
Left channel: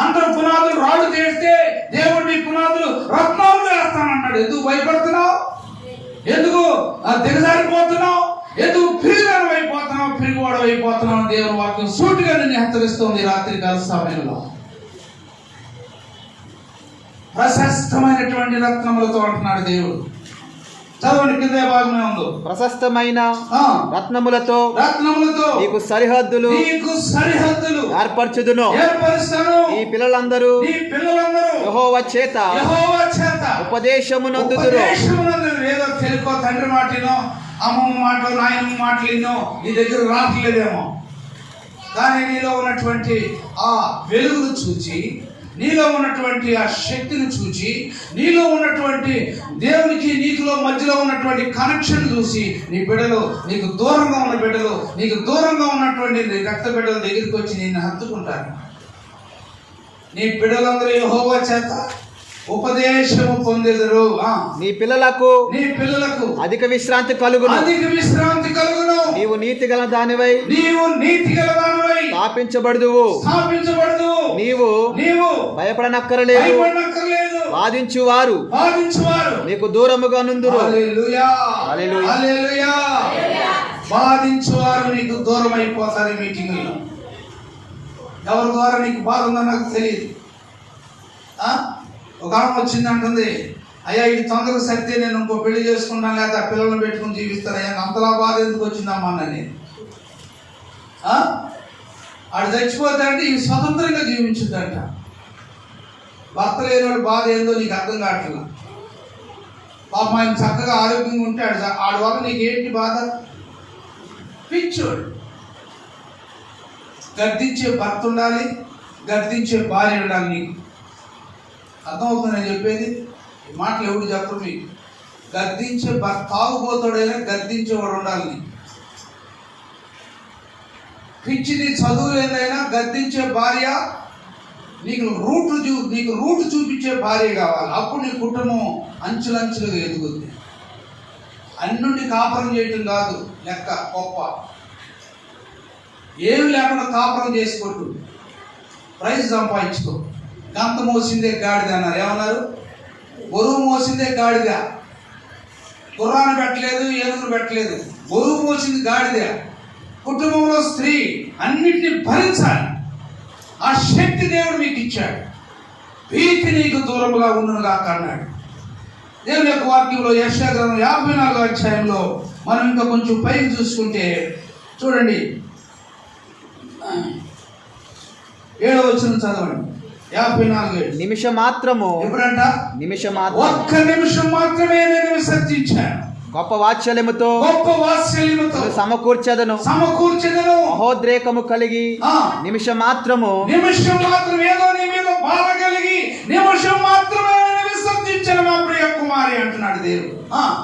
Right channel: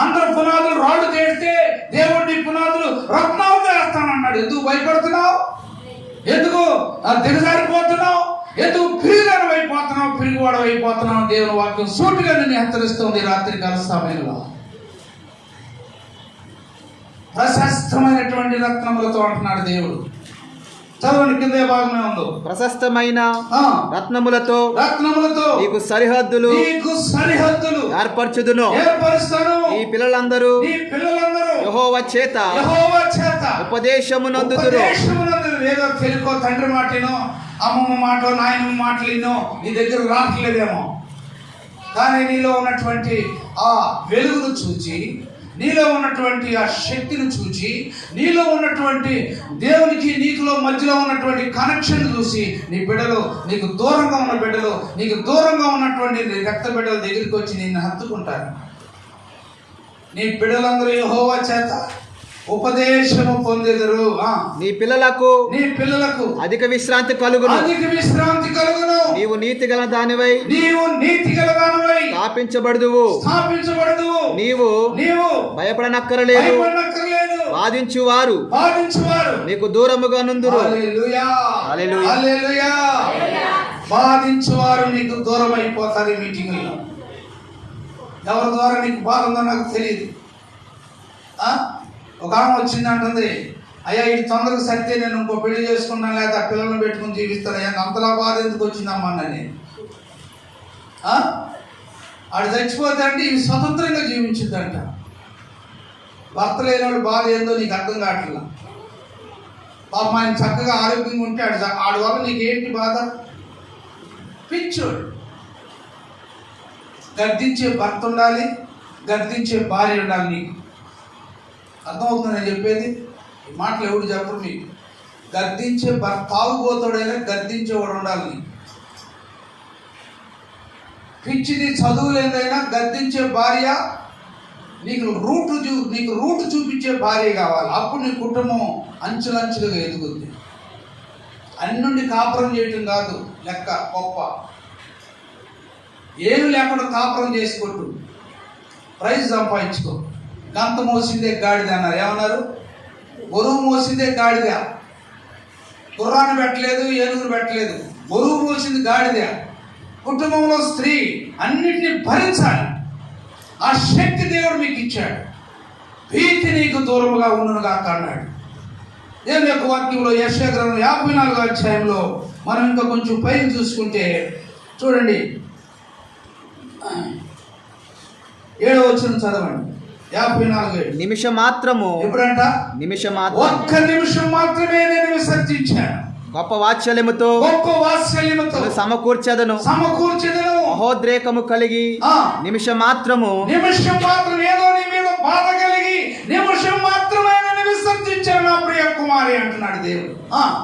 అందరూ పునాదులు రాళ్ళు చేస్తే దేవుడు నీ పునాదులు రత్నాలుగా వేస్తానన్నాడు. ఎందుకు భయపడుతున్నావు? ఎందుకు దిగజారిపోతున్నావు? ఎందుకు పిరిగిపోతున్నావు? పిరిగివాడు అయిపోతున్నావు. దేవుని వాక్యం సూటిగా నిన్ను హెచ్చరిస్తుంది రాత్రి కాల సమయంలో. ప్రశస్తమైనటువంటి రత్నములతో అంటున్నాడు దేవుడు. చదవండి, కింద భాగమే ఉంది. ప్రశస్తమైన రత్నములతో నీకు సరిహద్దులు ఏర్పరచుదును. ఈ పిల్లలందరూ యెహోవా చేత ఉపదేశమునందుదురు. ఏదో తెలుకో తండ్రి మాటనో, అమ్మమ్మ మాటలో, నాయనమ్మ మాటలేనో నీ దగ్గర రావట్లేదేమో. కానీ నీలో ఉన్నటువంటి ఆ వెలుగును చూచి, నీలో ఉన్నటువంటి ఆ శక్తిని చూచి, నీలో ఉన్నటువంటి దేవునికి నీకులో మధ్యలో ఉన్నటువంటి కనెక్షన్ చూసి నీ బిడ్డలు, నీకు దూరంగా ఉన్న బిడ్డలు, నీకు దూరంగా ఉన్నటువంటి రక్త బిడ్డల దగ్గరికి వచ్చి నిన్ను హత్తుకుంటారు. నీ బిడ్డలందరూ యెహోవా చేత ఉపదేశము పొందెదరు. నీ పిల్లలకు అధిక విశ్రాంతి కలుగును. నీవు నీతిగల దానివై స్థాపించబడుదువు. నీవు భయపడనక్కరలేదు. వాదించువారు నీకు దూరముగా నుందురు. హల్లెలూయా. బాధించువారు నీకు దూరం అయిపోతారు. ఈ మీటింగ్లో ఎవరి ద్వారా నీకు బాధ ఉందో నాకు తెలియదు. ఒక ఆమె వచ్చింది అంటుంది, అయ్యా ఇది తొందరగా సరితే నేను ఇంకో పెళ్లి చేసుకున్నాను, లేదా పిల్లలను పెట్టుకుని జీవిస్తాను. అయ్యా అంతలా బాధ ఎందుకు వచ్చిందమ్మా అని. ఆడు చచ్చిపోతే అంటే ఇవి స్వతంత్రంగా జీవించుద్దంట. భర్త లేనివాడు బాధ ఏందో నీకు అర్థం కావట్లేదు. పాప ఆయన చక్కగా ఆరోగ్యంగా ఉంటే ఆడి వల్ల నీకు ఏంటి బాధ? పిచ్చోడు. గద్దించే భర్త ఉండాలి, గద్దించే భార్య ఉండాలి నీకు. అర్థమవుతుంది నేను చెప్పేది? ఈ మాటలు ఎవడు చెప్పరు మీకు. గద్దించే తాగుబోతాడైనా గద్దించేవాడు ఉండాలి నీకు. పిచ్చిది చదువు లేదైనా గద్దించే భార్య, నీకు రూట్ చూపించే భార్య కావాలి. అప్పుడు నీ కుటుంబం అంచులంచులుగా ఎదుగుద్ది. అన్నుండి కాపురం చేయటం కాదు లెక్క గొప్ప. ఏమి లేకుండా కాపురం చేసుకోవద్దు, ప్రైజ్ సంపాదించుకో. గంత మోసిందే గాడిద అన్నారు. ఏమన్నారు? బరువు మోసిందే గాడిద. గుర్రాన్ని పెట్టలేదు, ఏనుగును పెట్టలేదు, బరువు మోసింది గాడిద. కుటుంబంలో స్త్రీ అన్నిటినీ భరించాలి. ఆ శక్తి దేవుడు మీకు ఇచ్చాడు. భీతి నీకు దూరముగా ఉండునుగా అన్నాడు దేవుని యొక్క వాక్యంలో. యెషయా గ్రంథం 54వ అధ్యాయంలో మనం ఇంకా కొంచెం పైకి చూసుకుంటే చూడండి, 7వ వచనం చదవండి. 54 నిమిషం మాత్రము. ఎప్పుడంట? నిమిషం మాత్రం. ఒక్క నిమిషం మాత్రమే నేను విసర్జించాను. గొప్ప వాత్సల్యముతో సమకూర్చెదను. మహోద్రేకము కలిగి నిమిషం మాత్రము. ఏదో నీ మీద బాధ కలిగి నిమిషం మాత్రమే విసర్జించాను నా ప్రియ కుమారి అంటున్నాడు దేవుడు.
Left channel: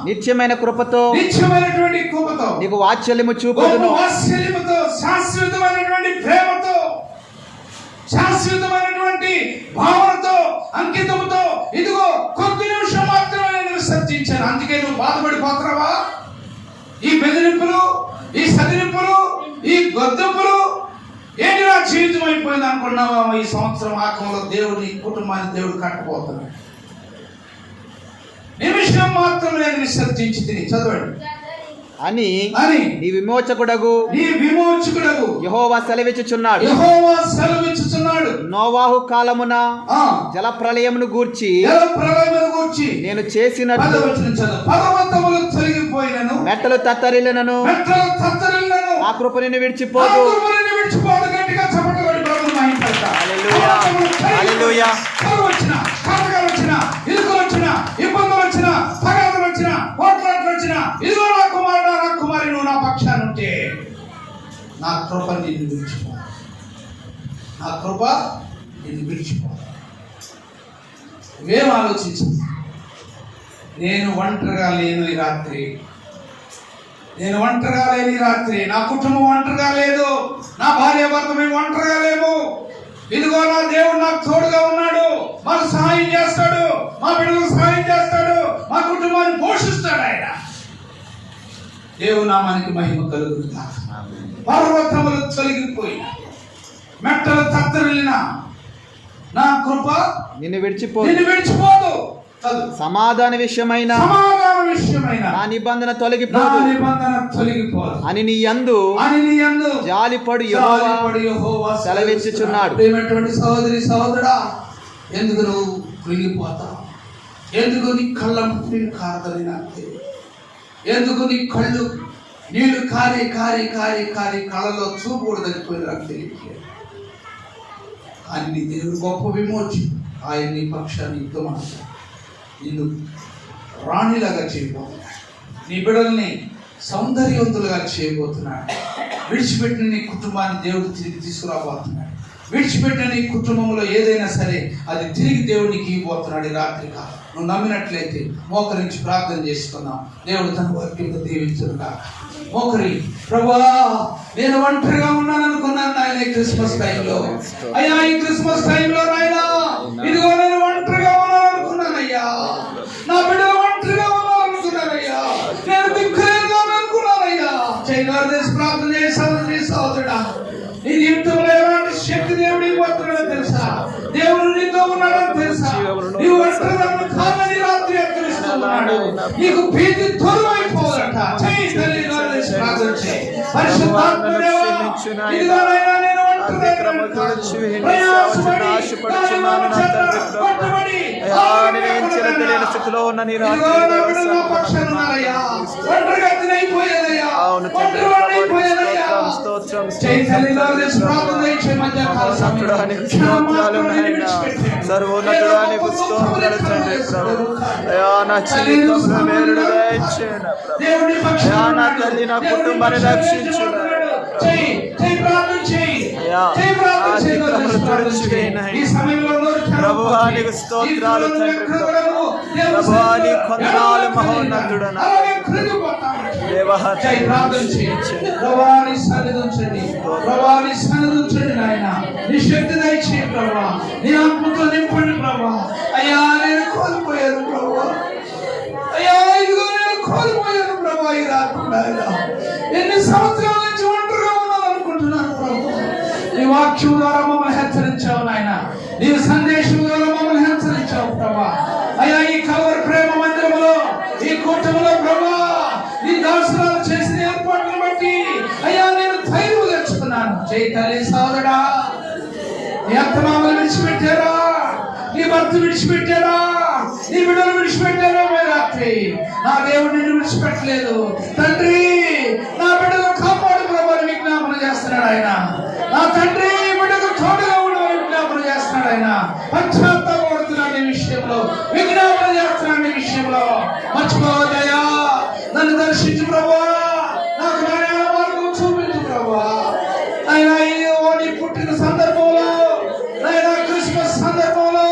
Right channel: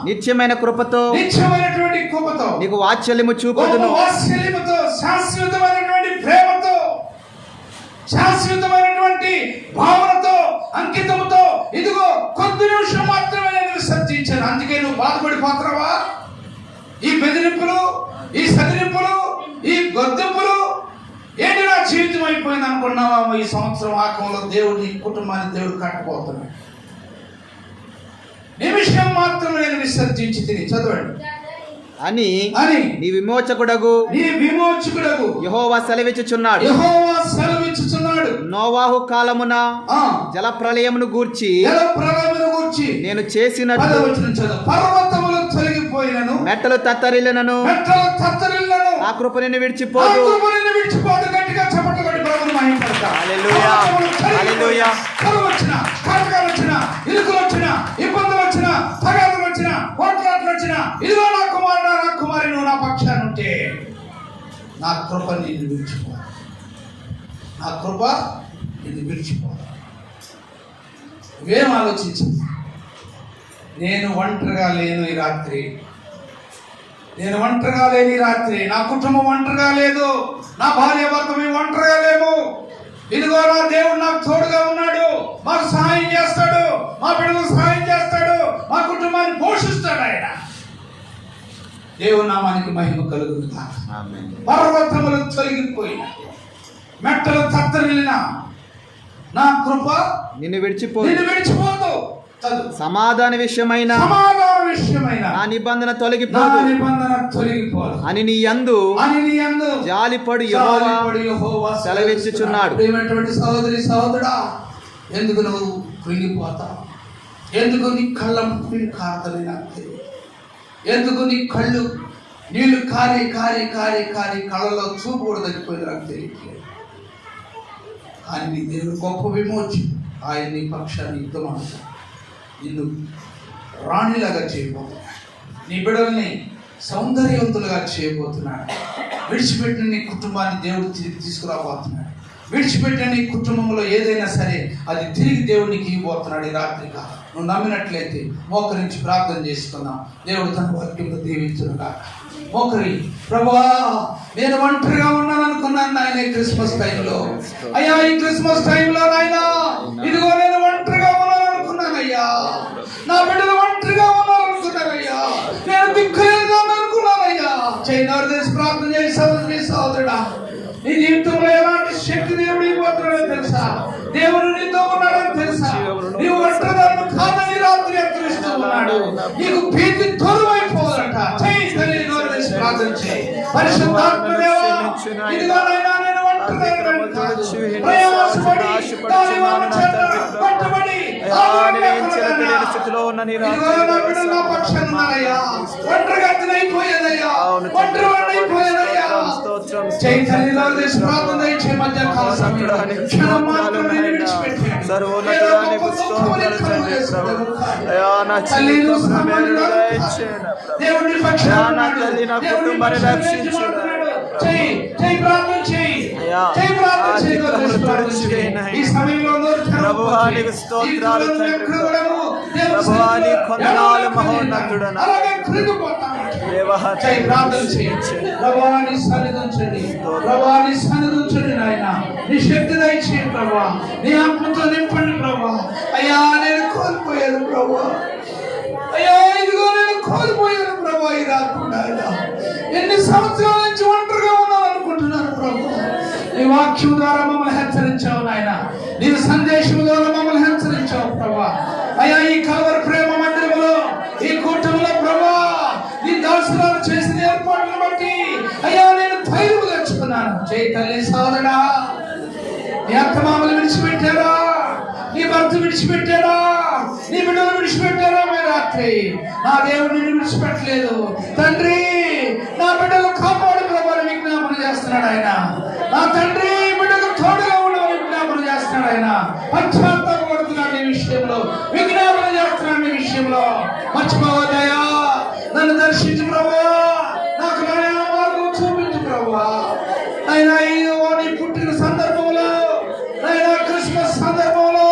నిత్యమైన కృపతో, నిత్యమైనటువంటి కృపతో నీకు వాత్సల్యము చూపుదును. వాత్సల్యముతో, శాశ్వతమైనటువంటి ప్రేమతో, శాశ్వతమైనటువంటి భావనతో, అంకితముతో, ఇదిగో కొద్ది నిమిషం మాత్రమే నేను విసర్జించాను. అందుకే నువ్వు బాధపడిపోతున్నావా? ఈ బెదిరింపులు, ఈ సదిరింపులు, ఈ గొద్దెంపులు ఏంటి నా జీవితం అయిపోయింది అనుకున్నావా? ఈ సంవత్సరం ఆకంలో దేవుడి కుటుంబాన్ని దేవుడు కట్టబోతున్నాడు. నిమిషం మాత్రం నేను విసర్జించి తిని చదవండి అని నీ విమోచకుడగు యెహోవా సెలవిచ్చుచున్నాడు. నోవాహు కాలమున జల ప్రళయమును గూర్చి నేను చేసినట్లు మెట్టలు తత్తరిల్లినను నా కృప నిన్ను విడిచిపోదు. హల్లెలూయా, హల్లెలూయా. ఇదిగో నా కుమారుడు, నా కుమారి, నువ్వు నా పక్షాన ఉంటే నా కృప నిన్ను విడిచిపో, నా కృప నిన్ను విడిచిపో. నువ్వేం ఆలోచించు? నేను ఒంటరిగా లేను ఈ రాత్రి, నేను ఒంటరిగా లేను ఈ రాత్రి, నా కుటుంబం ఒంటరిగా లేదు, నా భార్య భర్త మేము ఒంటరిగా లేము. ఇదిగో నా దేవుడు నాకు తోడుగా ఉన్నాడు, మాకు సహాయం చేస్తాడు, మా బిడ్డలకు సహాయం చేస్తాడు, మా కుటుంబాన్ని పోషిస్తాడు ఆయన. దేవుని నామానికి మహిమ కలుగును గాక. పర్వతములు తొలగిపోయిన, మెట్టలు తత్తరిల్లిన నా కృప నిన్ను విడిచిపోదు. సమాధాన విషయమైన నా నిబంధన తొలగిపోదు అని నీ యందు జాలిపడు యెహోవా సెలవిచ్చుచున్నాడు. సహోదరి సహోదరా, ఎందుకు నువ్వు కృంగిపోతావు? ఎందుకు నీ కళ్ళ కారతని నాకు తెలియదు. ఎందుకు నీ కళ్ళు నీళ్లు కారి కారి కారి కారి కళ్ళలో చూపు కూడా తగ్గిపోయింది నాకు తెలియట్లేదు. ఆయన నీ దేవుడు గొప్ప విమోచన. ఆయన నీ పక్షాన్ని యుద్ధం నిన్ను రాణిలాగా చేయబోతున్నాడు. నీ బిడ్డల్ని సౌందర్యవంతులుగా చేయబోతున్నాడు. విడిచిపెట్టిన నీ కుటుంబాన్ని దేవుడు తిరిగి తీసుకురాబోతున్నాడు. విడిచిపెట్టిన నీ కుటుంబంలో ఏదైనా సరే అది తిరిగి దేవుడికి ఇవ్వబోతున్నాడు ఈ రాత్రి కాలం. నువ్వు నమ్మినట్లయితే మోకరించి ప్రార్థన చేసుకుందాం. దేవుడు తన వాక్యంతో దీవించునుగా. మోకరి, ప్రభువా నేను ఒంటరిగా ఉన్నాను అనుకున్నాను నాయన ఈ క్రిస్మస్ టైంలో. అయ్యా ఈ క్రిస్మస్ టైంలో నాయన ఇదిగో నేను ఒంటరిగా ఉన్నాను అనుకున్నానయ్యా, నా బిడ్డలు ఒంటరిగా ఉన్నాను అనుకున్నానయ్యా, నేను దిక్కులేదుగా అనుకున్నానయ్యా. చైనారు దేశ ప్రార్థన చేసి సోదరుడా, నీ జీవితంలో ఎలాంటి శక్తి దేవుడు ఇవ్వబోతున్నాడో తెలుసా? దేవుడు నీతో ఉన్నాడని తెలుసా? నీవు ఒంటరిగా కాదని రాత్రి హెచ్చరిస్తున్నాడు. నీకు భీతి దూరమైపోవాలంట. చేయి తల్లి ప్రార్థన చేయి. పరిశుద్ధాత్మ దేవా, ఇదిగో నాయనా నేను స్థితిలో ఉన్న నీ స్తోత్రం సర్వోన్నతుడానికి స్తోత్రాలు తండ్రి. ప్రభు అయా నా జీవితంలో మేలుడు దయచేయండి ప్రభు. అయా నా తల్లి నా కుటుంబాన్ని రక్షించును. చెయ్యి చెయ్యి ప్రార్థన చెయ్యి అయ్యా చెయ్యి ఆ ప్రార్థన చెయ్యి అతిక్రమణలు తుడిచివేయి ఈ నాయనా. సమయంలో ప్రభువా నీకు స్తోత్రాలు తండ్రి. ప్రభువా నీ కొందనాలు మహోన్నతుడు నా దేవా ప్రభాని సన్నిధించండి ప్రభాని సన్నిధించండి నాయన నీ శక్తి దయచేయండి ప్రభా నీ ఆత్మతో నింపండి ప్రభా అయ్యా నేను కోల్పోయాను ప్రభా అయ్యా ఇదిగో నేను కోల్పోయాను ప్రభా ఈ రాత్రి నాయన ఎన్ని సంవత్సరాల నుంచి ఒంటరిగా ఉన్నాను అనుకుంటున్నాను ప్రభా నీ వాక్యం ద్వారా మమ్మల్ని హెచ్చరించావు నాయన నీ సందేశం ద్వారా మమ్మల్ని హెచ్చరించావు ప్రభా అయ్యా ఈ కలవరి ప్రేమ మందిరంలో ఈ కూటమిలో ప్రభా నీ దాసురాలు చేసిన ఏర్పాట్లను బట్టి అయ్యా నేను ధైర్యం తెచ్చుకున్నాను జై తల్లి సోదరుడా నీ అత్తమామలు విడిచిపెట్టారా నీ భర్త విడిచిపెట్టారా నీ బిడ్డలు విడిచిపెట్టారా మీ రాత్రి నా దేవుడు నిన్ను విడిచిపెట్టలేదు తండ్రి నా బిడ్డలు కాపాడు ప్రభు విజ్ఞాపన చేస్తున్నాడు ఆయన నా తండ్రి బిడ్డకు తోడుగా ఉండమని విజ్ఞాపన చేస్తున్నాడు ఆయన పశ్చాత్తాపడుతున్నాడు ఈ విషయంలో విజ్ఞాపన చేస్తున్నాడు ఈ విషయంలో మర్చిపోవద్దయా నన్ను దర్శించు ప్రభా నాకు నాయన మార్గం చూపించు ప్రభా ఆయన నీ పుట్టిన సందర్భంలో ఆయన క్రిస్మస్ సందర్భంలో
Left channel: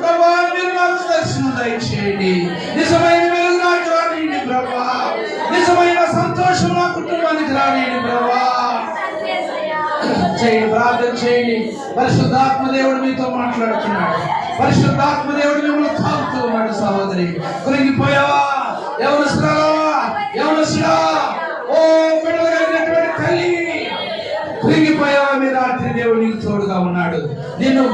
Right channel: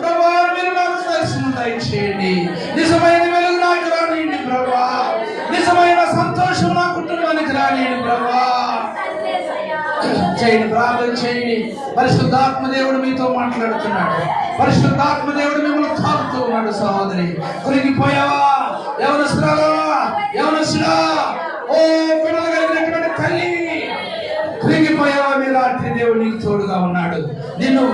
ప్రభా మీరు నాకు దర్శనం దయచేయండి నిజమైన వెలుగు నాకు రానియండి ప్రభా నిజమైన సంతోషం నా కుటుంబానికి రానియండి ప్రభా చేయండి ప్రార్థన చేయండి పరిశుద్ధాత్మ దేవుడు మీతో మాట్లాడుతున్నాడు పరిశుద్ధాత్మ దేవుడు మిమ్మల్ని తాకుతూ ఉన్నాడు సహోదరి కృంగిపోయావా యవనస్తుడా ఓ బిడ్డలు కలిగినటువంటి తల్లి కృంగిపోయావా మీ రాత్రి దేవుడు నీకు తోడుగా ఉన్నాడు నిన్ను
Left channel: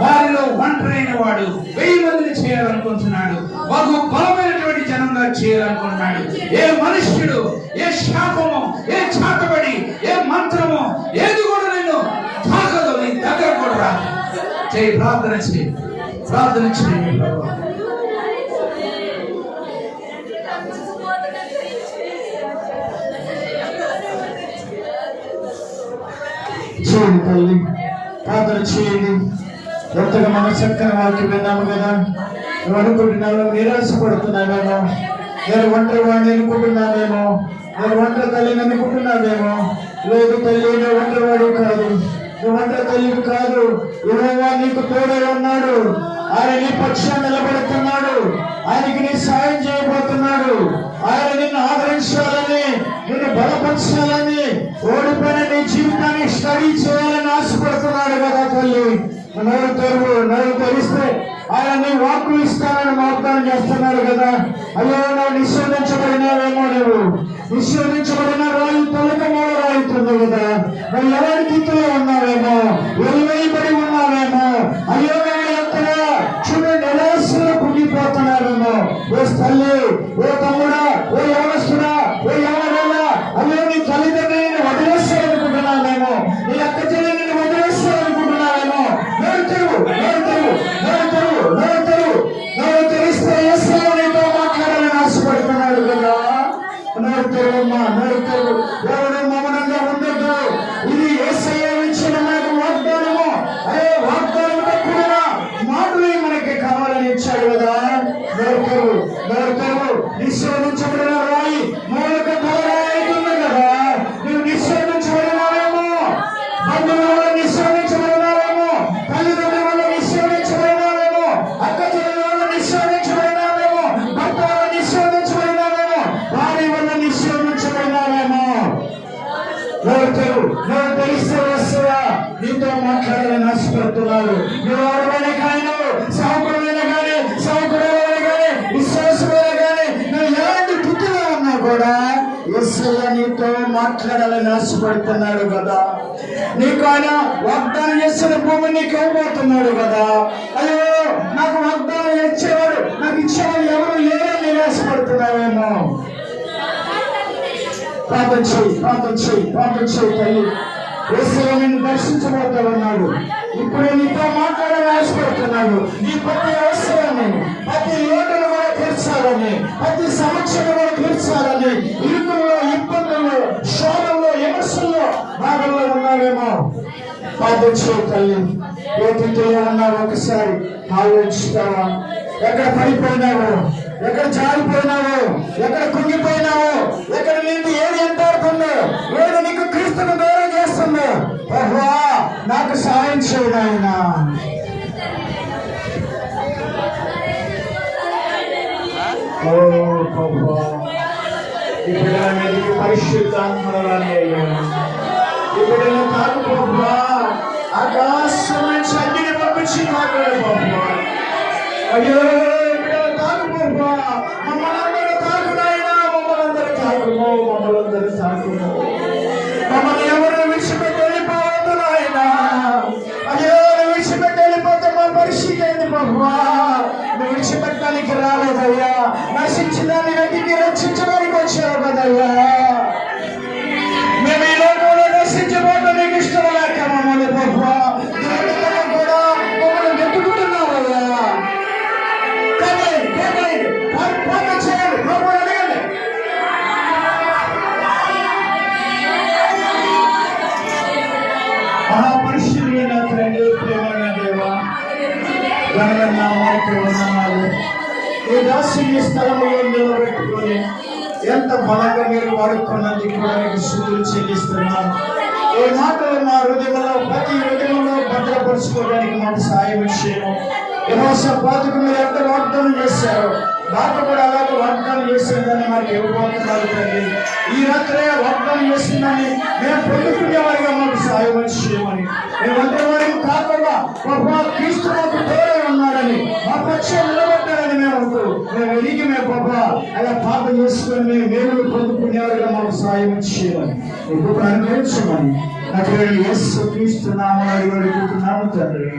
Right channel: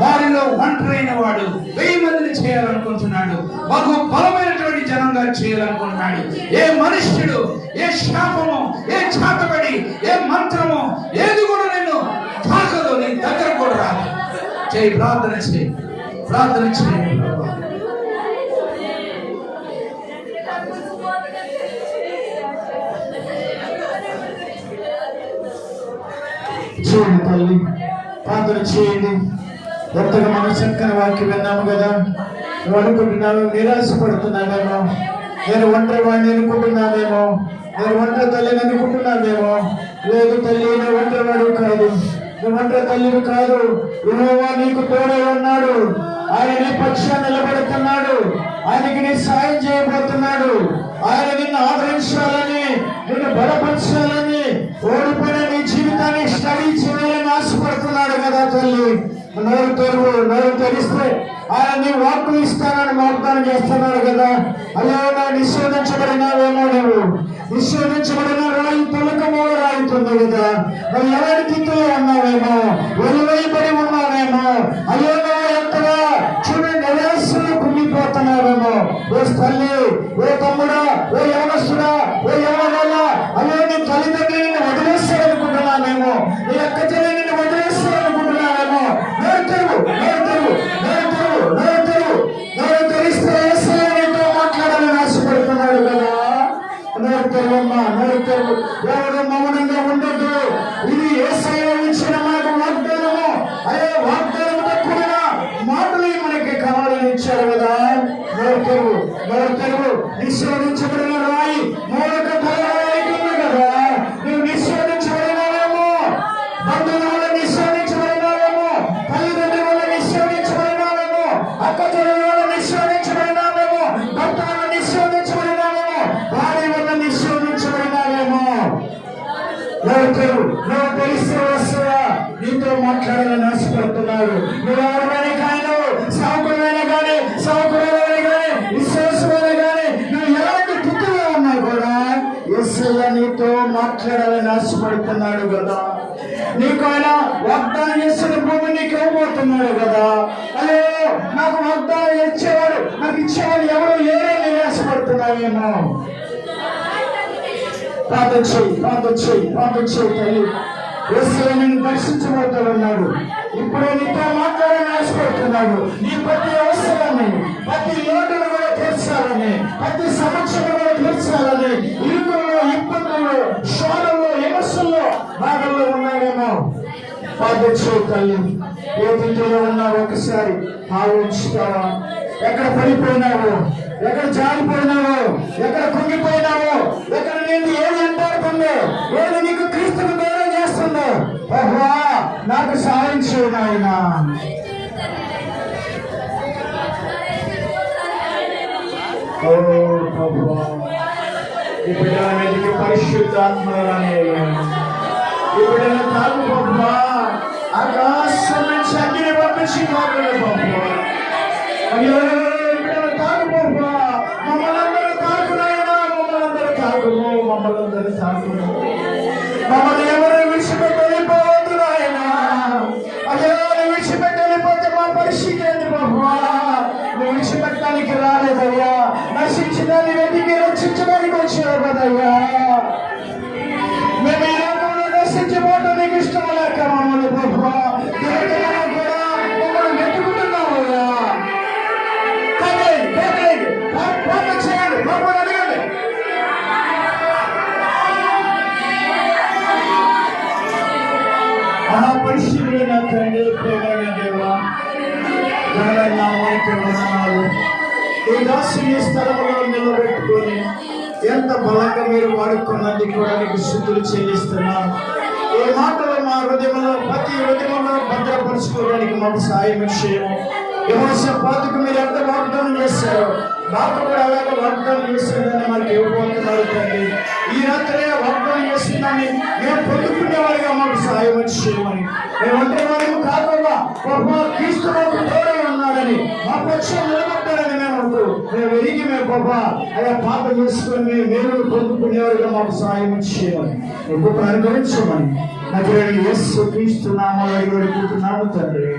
వారిలో ఒంటరైన వాడు 1000 మందిని చేయాలనుకుంటున్నాడు బహు బలమైనటువంటి జనంగా చేయాలనుకుంటున్నాడు ఏ మనుష్యుడు ఏ శాపము ఏ చాటబడి ఏ మంత్రము ఏది కూడా నిన్ను తాకదు నీ దగ్గర కూడా రాదు చేయి ప్రార్థన చేయండి ప్రభు చేయండి తల్లి ప్రార్థన చేయండి ఎంతగా మన చక్కని వాక్యం విన్నాము కదా నువ్వు అనుకుంటున్నావు నిరాశపడుతున్నావేమో నేను ఒంటరి వాడిని అనుకుంటున్నావేమో నేను ఒంటరి తల్లిని అనుకుంటున్నావేమో లేదు తల్లి నువ్వు ఒంటరి వాడు కాదు నువ్వు ఒంటరి తల్లిని కాదు యెహోవా నీకు తోడై ఉన్నాడు ఆయన నీ పక్షాన్ని నిలబడుతున్నాడు ఆయనకి నీ సాయం చేయబోతున్నాడు ఆయన నిన్ను ఆదరించాలని నిన్ను బలపరచాలని ఓడిపోయిన నీ జీవితాన్ని స్టడీ చేయాలని ఆశపడుతున్నాడు కదా తల్లి నోరు తెరిస్తే ఆయన నీ వాక్కు ఇస్తానని వాగ్దానం చేస్తున్నాడు కదా అయ్యో నా నిషేధించబడినావేమో నువ్వు నిషేధించబడిన రాయి తొలకమో రాయితుంది కదా మరి ఎవరికి ఉన్నావేమో వెలువైబడి ఉన్నావేమో అయ్యో ఎంతగా చూడండి నిరాశలో కుంగిపోతున్నావేమో ఓ తల్లి ఓ తమ్ముడా ఓ యవనస్తుడా ఓ యవనలా అయ్యో నీ తల్లిదండ్రులని వదిలేస్తారనుకుంటున్నావేమో నీ అక్క చెల్లెని వదిలేస్తారనుకుంటున్నావేమో నోరు తెరిస్తే నీతో మాట్లాడాలని ఆశపడుతున్నాడు కదా నోరు తెరవమ్మా నోరు తెరువు ఎవరు మౌనంగా ఉండద్దు ఇది యేసయ్య ఇచ్చిన మనకు వాగ్దానము అయ్యే వాగ్దానంతో కూడిన మాటలు మనకి కావాలని ఇచ్చాడు కదా నోరు తెరువు నిషేధించబడిన రాయి మూలక బలరాయితుంది కదా నువ్వు నిషేధించబడినావేమో బంధువుల వల్ల నిషేధించబడినావేమో తల్లిదండ్రుల వల్ల నిషేధించబడినావేమో అక్క చెల్లెల వల్ల నిషేధించబడినావేమో భర్త వల్ల నిషేధించబడినావేమో భార్య వల్ల నిషేధించబడినావేమో నువ్వు తెలిస్తే యేసయ్య నీతో మాట్లాడాలని ఆశపడుతున్నాడు నువ్వు ఎవరైనా కానీ సౌకర్యమైన కానీ సౌకర్యమైన కానీ విశ్వాసమైన కానీ నువ్వు ఎలాంటి స్థితిలో ఉన్నా కూడా యేసయ్య నీతో మాట్లాడాలని ఆశపడుతున్నాడు కదా నీకు ఆయన వాగ్దానం చేసిన భూమి నీకు ఇవ్వబోతున్నాడు కదా అయ్యో నాకు వాగ్దానం ఇచ్చేవాడు నాకు ఇచ్చేవాడు ఎవరు లేరని ఆశపడుతున్నావేమో ప్రార్థన చేయి తల్లి యేసయ్య నిన్ను దర్శించబోతున్నాడు ఇప్పుడు నీతో మాట్లాడాలని ఆశపడుతున్నాడు నీ ప్రతి అవసరాన్ని ప్రతి లోటును కూడా తీర్చాలని ప్రతి సమస్యను కూడా తీర్చాలని ఇరుకుల్లో ఇబ్బందుల్లో శోధంలో విమర్శల్లో భాగంలో ఉన్నావేమో ప్రార్థన చేయి తల్లి ఏ స్థితిలో ఉన్నావు ఒకసారి ఆలోచిస్తావా ఎక్కడ పడిపోయినావు ఎక్కడ జారిపోయినావు ఎక్కడ కుంగిపోయినావు ఎక్కడ నేను ఏది ఎంటాడుతుందో ఏది నీకు క్రీస్తుకు ఓ ప్రభువా, ఈ బిడ్డల మీదకి పరిశుద్ధాత్మరాని అయ్యా. ఈ బిడ్డల తాకు ప్రభువా, ఆకాశం నుంచి అగ్నిని పంపించి తాకడు ప్రభువా. అయ్యో ఈ బిడ్డల తాకు ప్రభువా, మమ్మల్ని తాకునైనా మమ్మల్ని తాకుము, మమ్మల్ని తాకుము. మమ్మల్ని ఎవరు విడిచిపెట్టి వెళ్ళిపోవద్దు నాయనా. అయ్యో నువ్వు విడిచిపెట్టి వెళ్ళిపోతే మా పరిస్థితి ఏంటి ప్రభువా? నువ్వు విడిచిపెట్టడానికి రాలేదయ్యా, నశించడాన్ని వెతికి రక్షించడానికి వచ్చావు కదయ్యా. మేము ఈ లోకంలో నశించబోతే నీకు ఇష్టం లేక మమ్మల్ని ప్రభువా దేవుడిగా కూడా మమ్మల్ని వెతుకుతున్నావయ్యా. చేయండి ప్రభువా, అడగండి. మహాపరిశుద్ధుడైన తండ్రి, ప్రేమైన దేవా, ఘనమైన వారికి వందనాలు. ఈ దాసుని స్థలంలో నిలబెట్టుకొని ఎంత బలంగా మీరు వాడుకున్నందుకు కూడా మీకు స్తుతులు చెల్లిస్తున్నాను. ఈ మాటలు మా హృదయంలో ప్రతి హృదయంలో భద్రపరుచుకోవడానికి మాకు సాయం చేయము. యెహోషాపాతుకు మీరు ఎంత వాగ్దానం చేశారో మాకు కూడా అలాగే వాగ్దానం చేసిందని మాకు ఇవ్వబోతున్నారు తండ్రి. ఈ రాత్రే వాగ్దానం చేసిందని మేము పొందుకునేవారిగా మాకు సాయం చేయమని, మేము ఒంటరి వారికి కాకుండా ప్రభువా క్రీస్తు మాకు తోడై ఉన్నాడని, మా పక్షం నిలబడ్డారని మేము ఎరిగి మేము ప్రభువా అలా పాపం చేసుకుని మేము మేలు పొందుకునేవారిగా మాకు సాయం చేయమని, ఒక్కొక్క అనుగ్రహించమని నజరేయుడైన యేసు క్రీస్తు నామములో అడిగి వేడుకుంటున్నాము తండ్రి.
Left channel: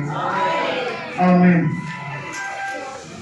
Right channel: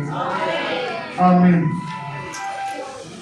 ఆమేన్.